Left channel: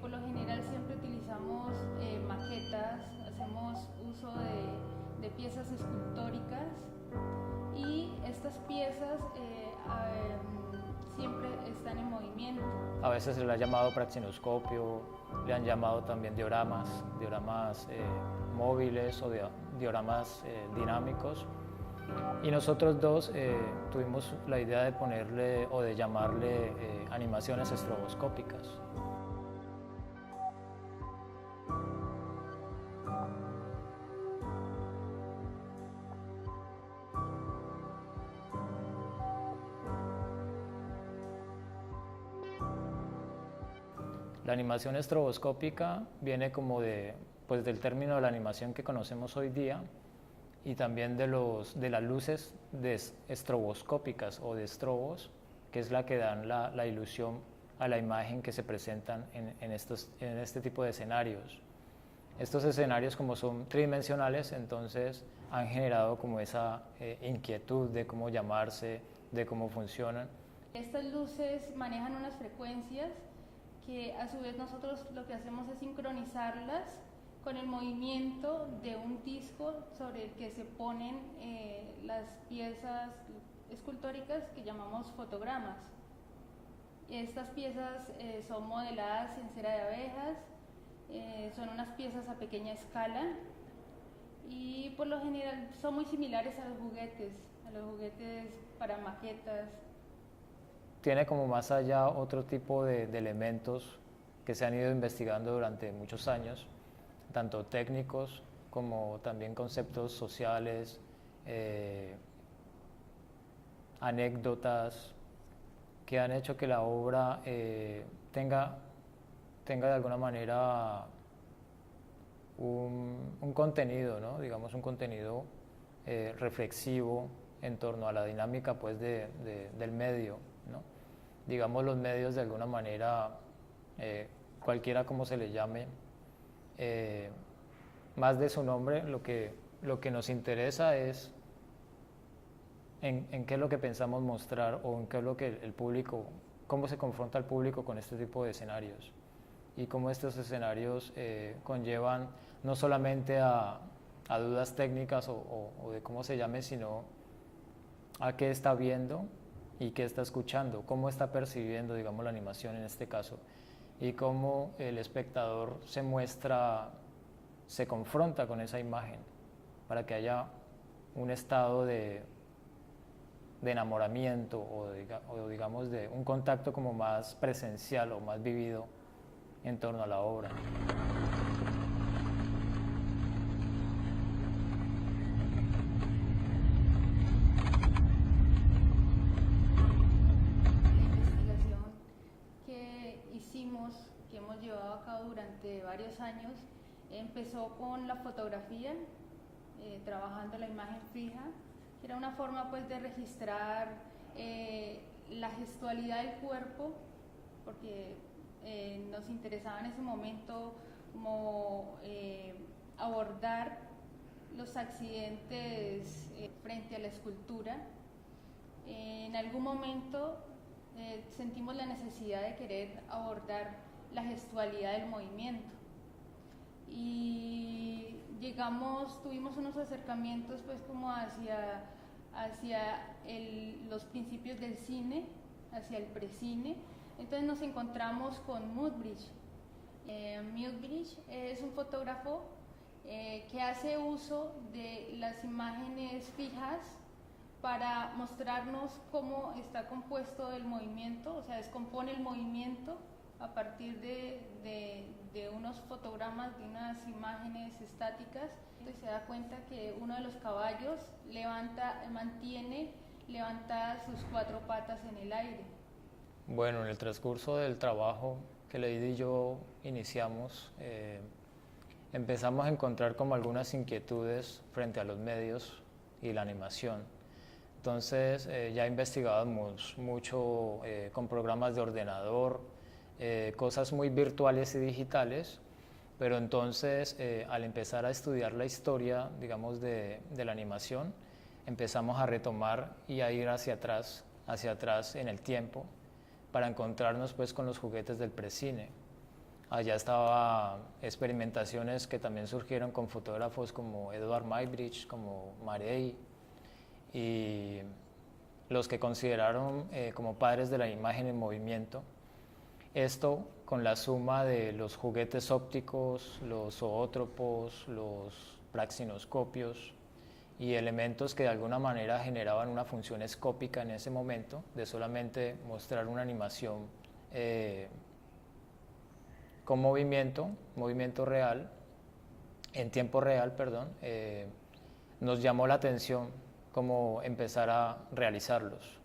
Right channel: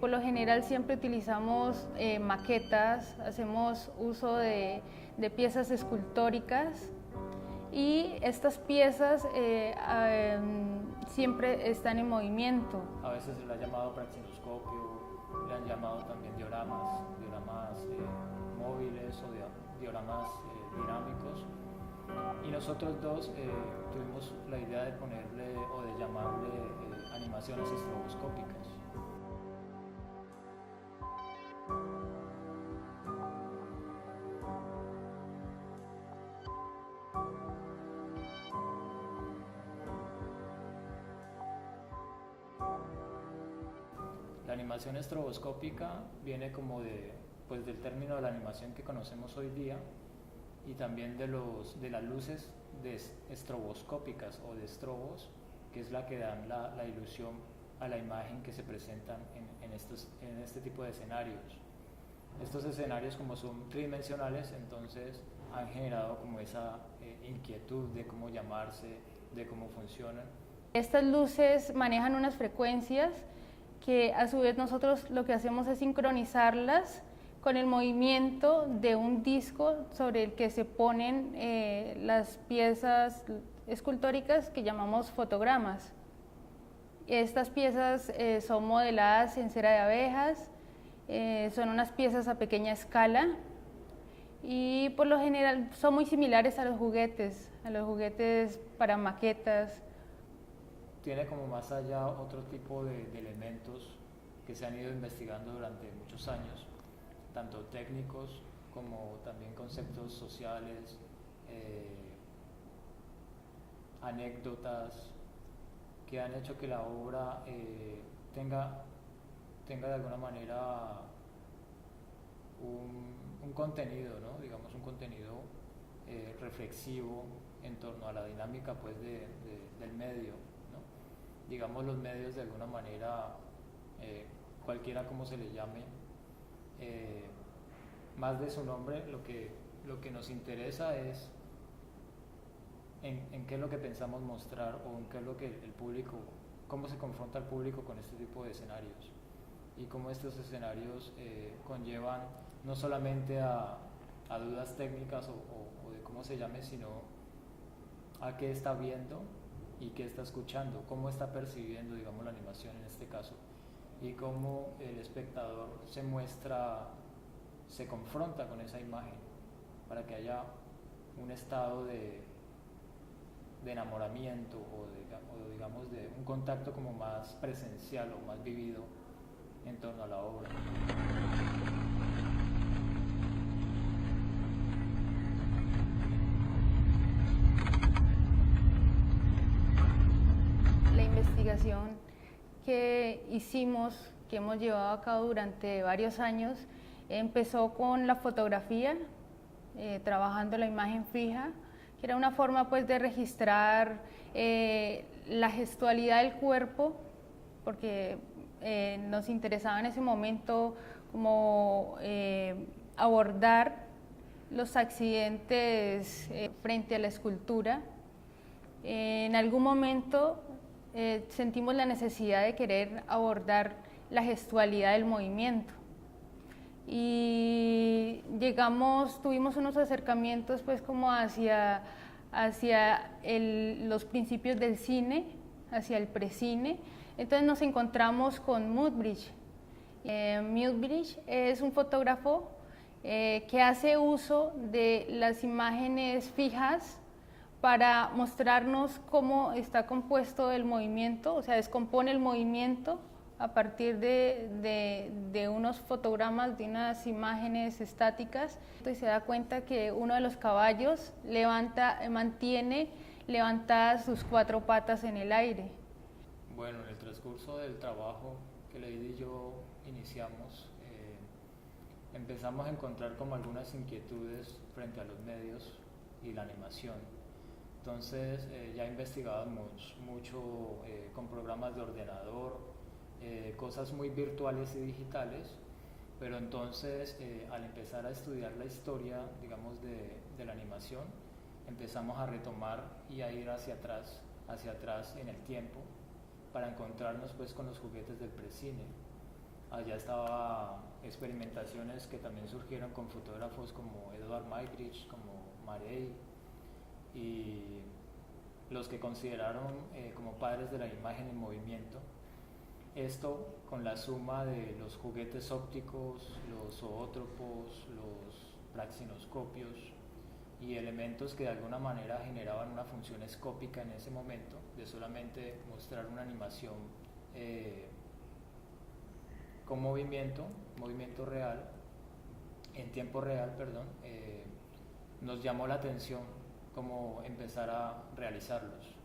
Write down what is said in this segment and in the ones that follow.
Por lo general siempre utilizamos maquetas, hacemos uso de piezas escultóricas y estas piezas siempre están en movimiento. A veces se le ha llamado praxinoscopio, le han llamado también dioramas móviles o dioramas dinámicos. Y nosotros dos tuvimos la idea de ponerle o de llamarle animaciones estroboscópicas. La animación estroboscópica viene como del término de la animación que conocemos hoy día y también de las luces estroboscópicas o de estrobos, que es la que dan la ilusión a la imagen que se presentan en este tipo de escenarios. Estos escenarios, como son tridimensionales, entonces han generado como esa inquietud de cómo llamarse, de cómo funcionan. Estas luces manejan unas frecuencias que a su vez nosotros lo que hacemos es sincronizarlas con el movimiento de un disco sobre el que se ponen las piezas escultóricas que llamamos fotogramas. Estas piezas son modeladas en cera de abejas, son unas piezas a pequeña escala y por lo general son muy similares a los juguetes para maquetas. Tiene como más allá otro tipo de elementos que se han ido investigando durante muchos años, tanto técnicos como también conceptos sociales, anécdotas, que han hecho que la obra tenga de alguna manera un contenido, ¿no? Digamos un contenido reflexivo en torno a la dinámica pues, del medio, ¿no? Digamos los medios de alguna manera, cualquiera como se le llame, más de su nombre, lo que nos interesa es en qué es lo que pensamos mostrar o en qué es lo que el público, cómo se confronta el público con este tipo de escenarios y cómo estos escenarios conllevan no solamente a dudas técnicas o de cómo se llame, sino a qué está viendo y qué está escuchando, cómo está percibiendo, digamos, la animación en este caso, y cómo el espectador se confronta con esa imagen, para que haya un estado de enamoramiento o digamos de un contacto como más presencial o más vivido en torno a la obra. La investigación que hicimos, que hemos llevado a cabo durante varios años, empezó con la fotografía, trabajando la imagen fija, que era una forma pues de registrar la gestualidad del cuerpo, porque nos interesaba en ese momento como abordar los accidentes frente a la escultura. En algún momento sentimos la necesidad de querer abordar la gestualidad del movimiento y tuvimos unos acercamientos pues como hacia los principios del cine, hacia el precine. Entonces nos encontramos con Muybridge. Muybridge es un fotógrafo que hace uso de las imágenes fijas para mostrarnos cómo está compuesto el movimiento, o sea, descompone el movimiento a partir de unos fotogramas, de unas imágenes estáticas. Entonces se da cuenta que uno de los caballos mantiene levantadas sus 4 patas en el aire. Bueno, en el transcurso del trabajo que Lady y yo iniciamos, empezamos a encontrar como algunas inquietudes frente a los medios y la animación. Entonces ya investigábamos mucho con programas de ordenador, cosas muy virtuales y digitales, pero entonces al empezar a estudiar la historia, digamos, de la animación, empezamos a retomar y a ir hacia atrás en el tiempo, para encontrarnos pues con los juguetes del precine. Allá estaba experimentaciones que también surgieron con fotógrafos como Edward Muybridge, como Marey, y los que consideraron como padres de la imagen en movimiento. Esto con la suma de los juguetes ópticos, los zoótropos, los praxinoscopios y elementos que de alguna manera generaban una función escópica en ese momento, de solamente mostrar una animación con movimiento real, en tiempo real, perdón, nos llamó la atención cómo empezar a realizarlos.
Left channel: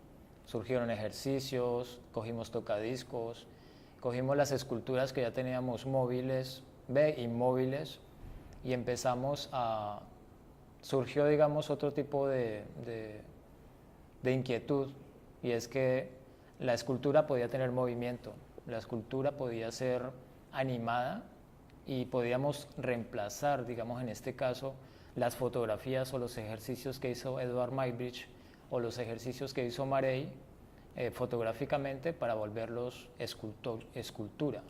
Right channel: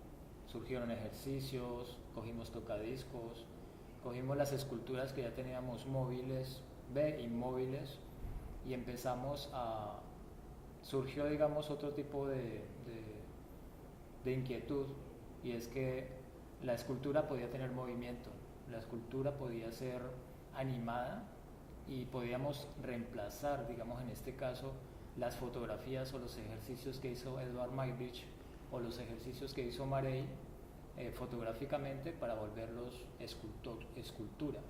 Surgieron ejercicios, cogimos tocadiscos, cogimos las esculturas que ya teníamos móviles, inmóviles, y empezamos a... Surgió, digamos, otro tipo de inquietud, y es que la escultura podía tener movimiento, la escultura podía ser animada y podíamos reemplazar, digamos, en este caso, las fotografías o los ejercicios que hizo Edward Muybridge o los ejercicios que hizo Marey fotográficamente para volverlos escultura.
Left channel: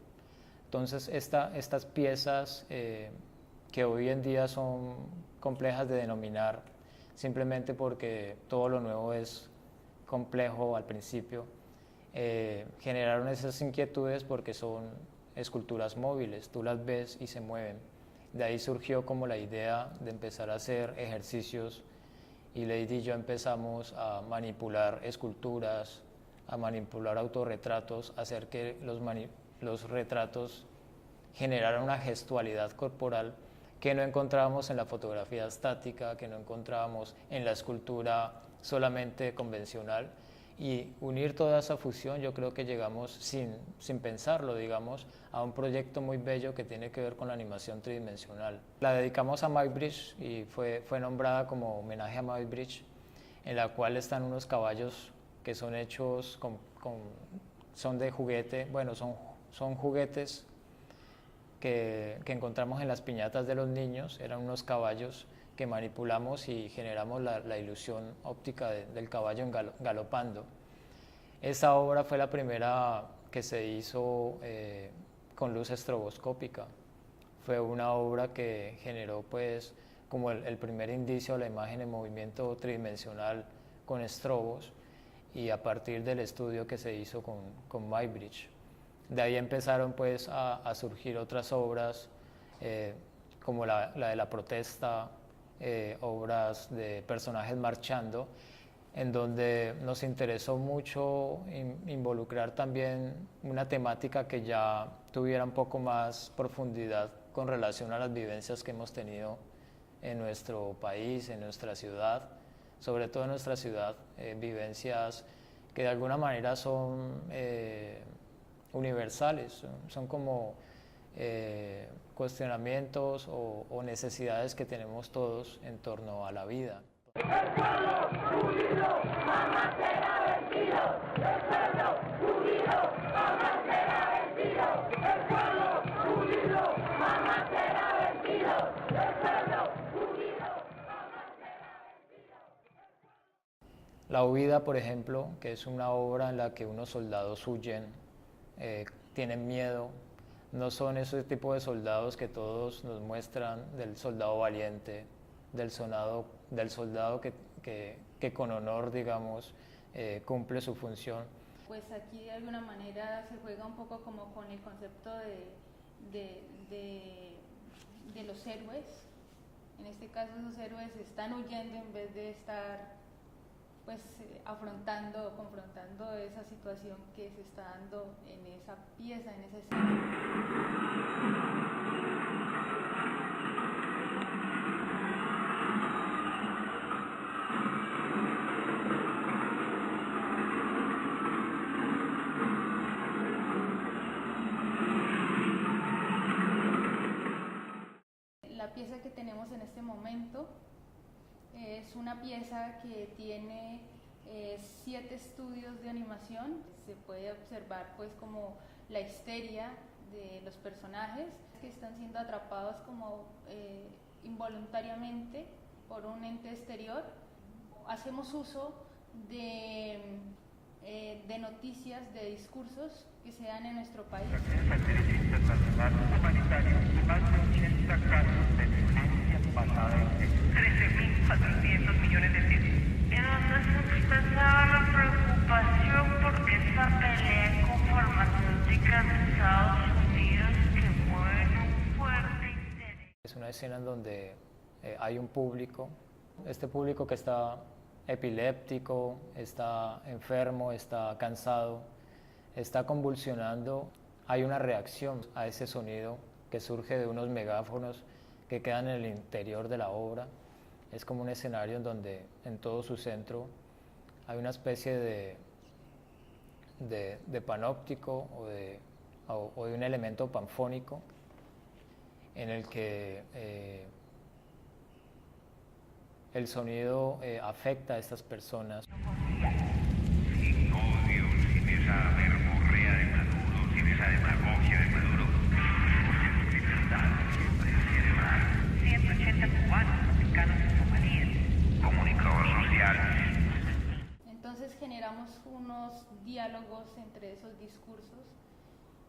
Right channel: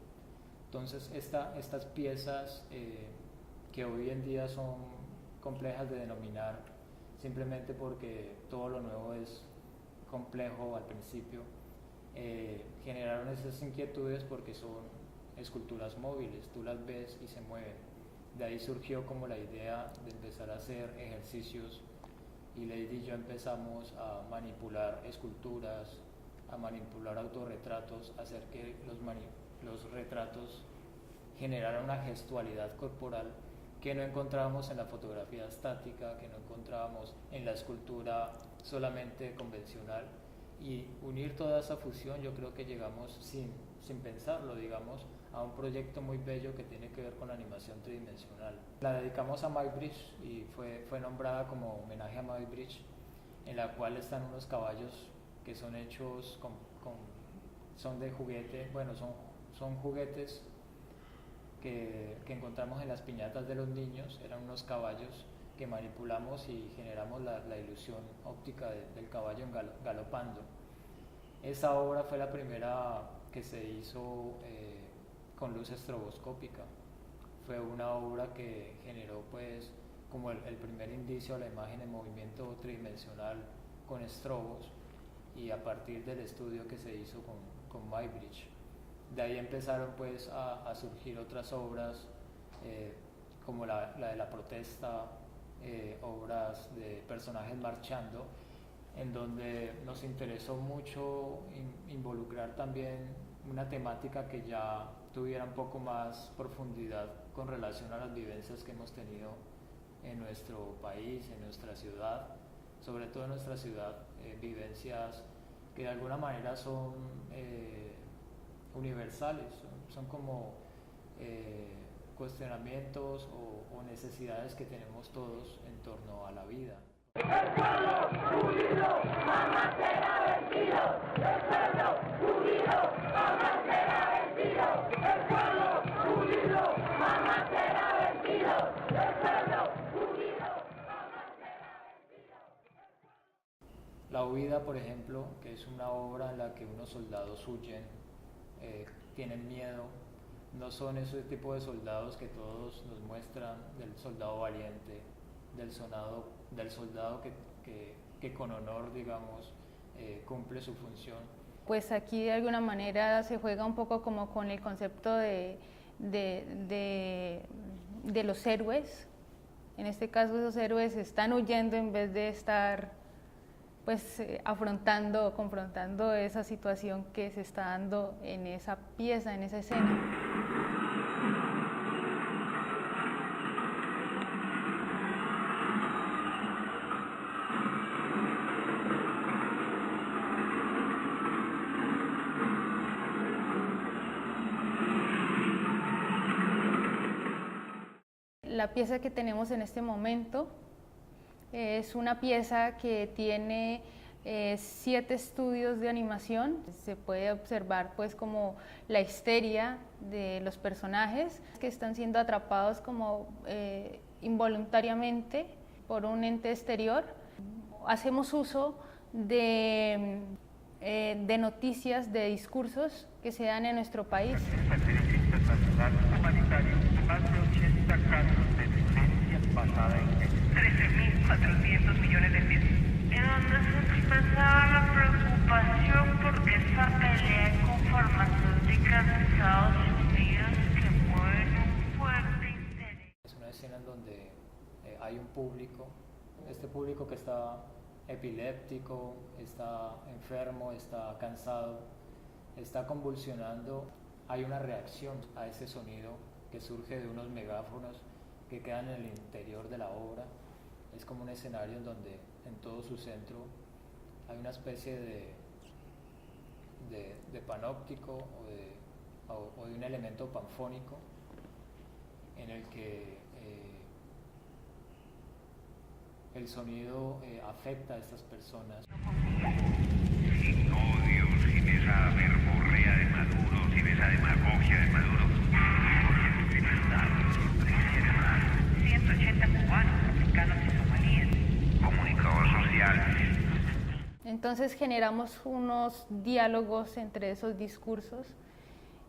Entonces, estas piezas que hoy en día son complejas de denominar simplemente porque todo lo nuevo es complejo al principio, generaron esas inquietudes porque son esculturas móviles, tú las ves y se mueven. De ahí surgió como la idea de empezar a hacer ejercicios y Lady y yo empezamos a manipular esculturas, a manipular autorretratos, a hacer que los retratos generaran una gestualidad corporal que no encontrábamos en la fotografía estática, que no encontrábamos en la escultura solamente convencional, y unir toda esa fusión yo creo que llegamos sin pensarlo, digamos, a un proyecto muy bello que tiene que ver con la animación tridimensional. La dedicamos a Muybridge y fue nombrada como homenaje a Muybridge, en la cual están unos caballos que son hechos son de juguete, bueno, son juguetes que encontramos en las piñatas de los niños, eran unos caballos que manipulamos y generamos la ilusión óptica del caballo galopando. Esa obra fue la primera que se hizo con luz estroboscópica. Fue una obra que generó pues como el primer indicio a la imagen en movimiento tridimensional con estrobos, y a partir del estudio que se hizo con Muybridge. De ahí empezaron pues a surgir otras obras como la de la protesta, obras de personajes marchando, en donde nos interesó mucho involucrar también una temática que ya tuviera un poco más profundidad con relación a las vivencias que hemos tenido en nuestro país, en nuestra ciudad, sobre todo en nuestra ciudad, vivencias que de alguna manera son universales, son como cuestionamientos o necesidades que tenemos todos en torno a la vida. El pueblo unido jamás será vencido. El pueblo unido jamás será vencido. El pueblo unido jamás será vencido. El pueblo unido jamás será vencido. La huida, por ejemplo, que es una obra en la que unos soldados huyen, tienen miedo, no son ese tipo de soldados que todos nos muestran, del soldado valiente, del soldado que con honor, digamos, cumple su función. Pues aquí de alguna manera se juega un poco como con el concepto de los héroes. En este caso esos héroes están huyendo en vez de estar pues confrontando esa situación que se está dando en esa pieza, en esa escena. La pieza que tenemos en este momento es una pieza que tiene 7 estudios de animación. Se puede observar pues como la histeria de los personajes que están siendo atrapados como involuntariamente por un ente exterior. Hacemos uso de noticias, de discursos que se dan en nuestro país. internacional humanitario y más de 80 casos de violencia basada en género. 13.400 millones de pesos. En donde se expresaba la preocupación por esa pelea con farmacéuticas de Estados Unidos que mueven un fuerte interés. Es una escena en donde hay un público, este público que está epiléptico, está enfermo, está cansado, está convulsionando. Hay una reacción a ese sonido que surge de unos megáfonos que quedan en el interior de la obra. Es como un escenario en donde en todo su centro hay una especie de panóptico o de un elemento panfónico en el que el sonido afecta a estas personas. Sin odio, sin esa verborrea de Maduro, sin esa demagogia de Maduro, porque su libertad siempre quiere más. 180 cubanos, africanos y somalíes. Comunicador social. Entonces generamos unos diálogos entre esos discursos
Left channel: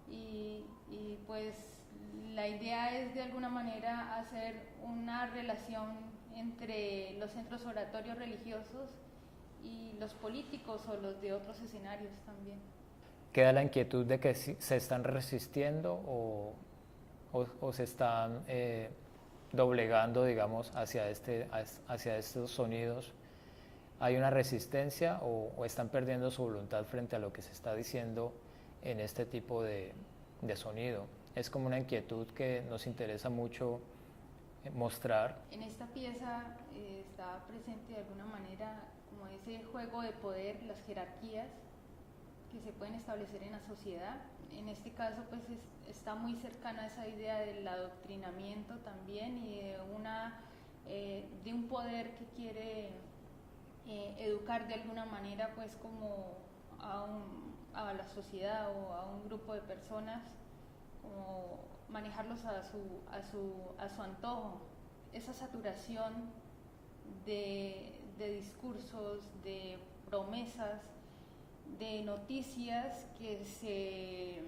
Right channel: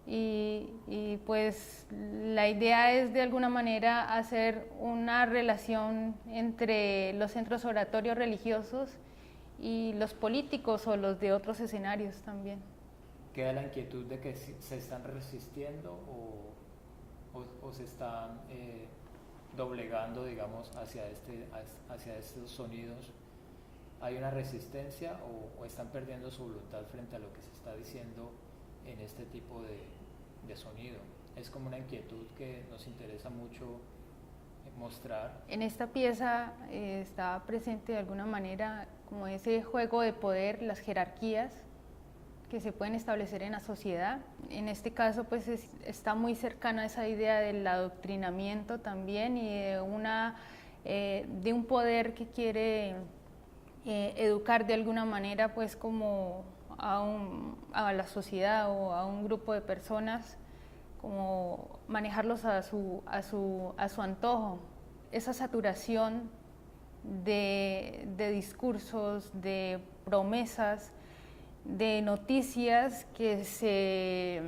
y pues la idea es de alguna manera hacer una relación entre los centros oratorios religiosos y los políticos o los de otros escenarios también. Queda la inquietud de que se están resistiendo o se están doblegando, digamos, hacia estos sonidos. ¿Hay una resistencia o están perdiendo su voluntad frente a lo que se está diciendo en este tipo de sonido? Es como una inquietud que nos interesa mucho mostrar. En esta pieza está presente de alguna manera como ese juego de poder, las jerarquías que se pueden establecer en la sociedad. En este caso pues está muy cercana a esa idea del adoctrinamiento también y de un poder que quiere educar de alguna manera pues como a la sociedad o a un grupo de personas, como manejarlos a su antojo. Esa saturación de discursos, de promesas, de noticias que se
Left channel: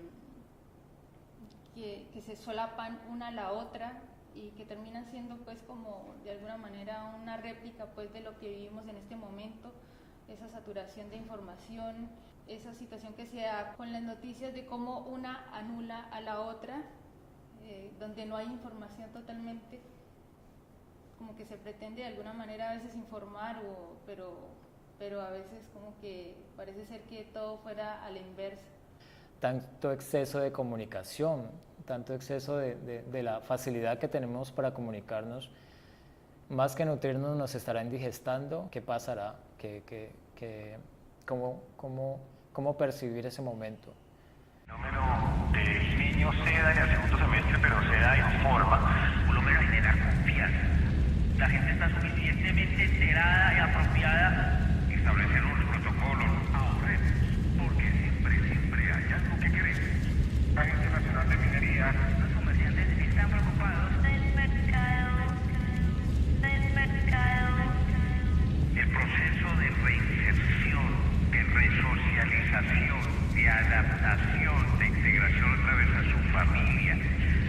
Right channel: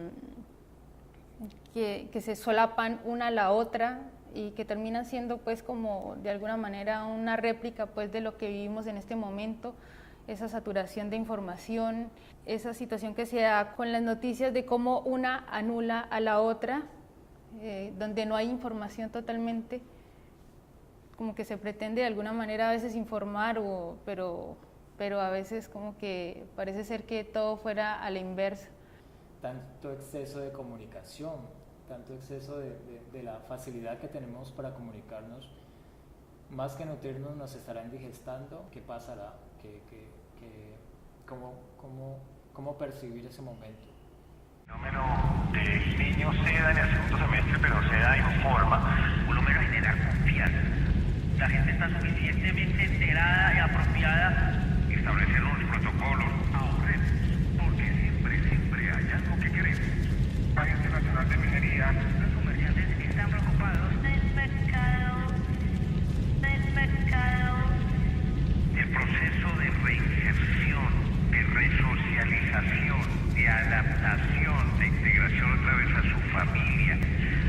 solapan una a la otra y que terminan siendo pues como de alguna manera una réplica pues de lo que vivimos en este momento, esa saturación de información, esa situación que se da con las noticias de cómo una anula a la otra, donde no hay información totalmente, como que se pretende de alguna manera a veces informar, pero a veces como que parece ser que todo fuera a la inversa. Tanto exceso de comunicación, tanto exceso de la facilidad que tenemos para comunicarnos, más que nutrirnos nos estará indigestando. ¿Qué pasará? ¿Cómo percibir ese momento? El fenómeno del niño se da en el segundo semestre, pero se da en forma, Por lo menos generar confianza. La gente está suficientemente enterada y apropiada. Establecer unos protocolos. Ahorremos, porque siempre hay algo que queremos. la Agencia Nacional de Minería. Los comerciantes están preocupados. Del mercado. El proceso de reinserción, de resocialización, de adaptación, de integración otra vez a su familia,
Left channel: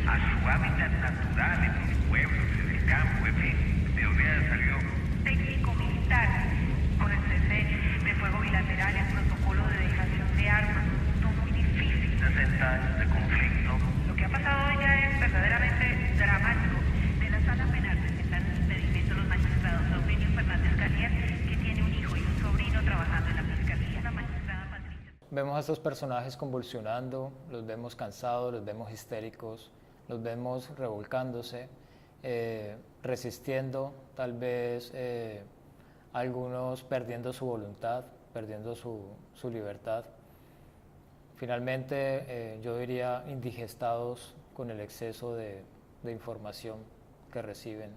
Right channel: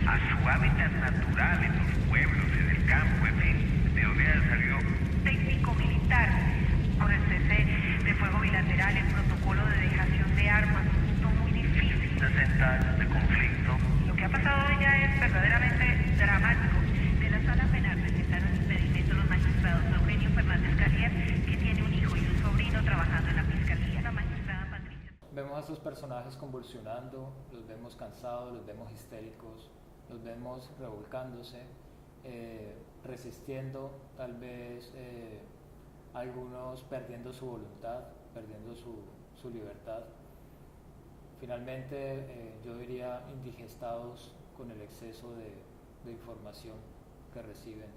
a su hábitat natural en los pueblos, en el campo, en fin, de donde haya salido. Técnico-militar, con el cese de fuego bilateral, el protocolo de dejación de armas, un punto muy difícil. 60 años de conflicto. Lo que ha pasado hoy ya es verdaderamente dramático. De la sala penal presentaron impedimento los magistrados Eugenio Fernández Calías, que tiene un hijo y un sobrino trabajando en la fiscalía. La magistrada Patricia. Vemos a estos personajes convulsionando, los vemos cansados, los vemos histéricos, los vemos revolcándose, resistiendo, tal vez algunos perdiendo su voluntad, perdiendo su libertad. Finalmente, yo diría indigestados con el exceso de información que reciben.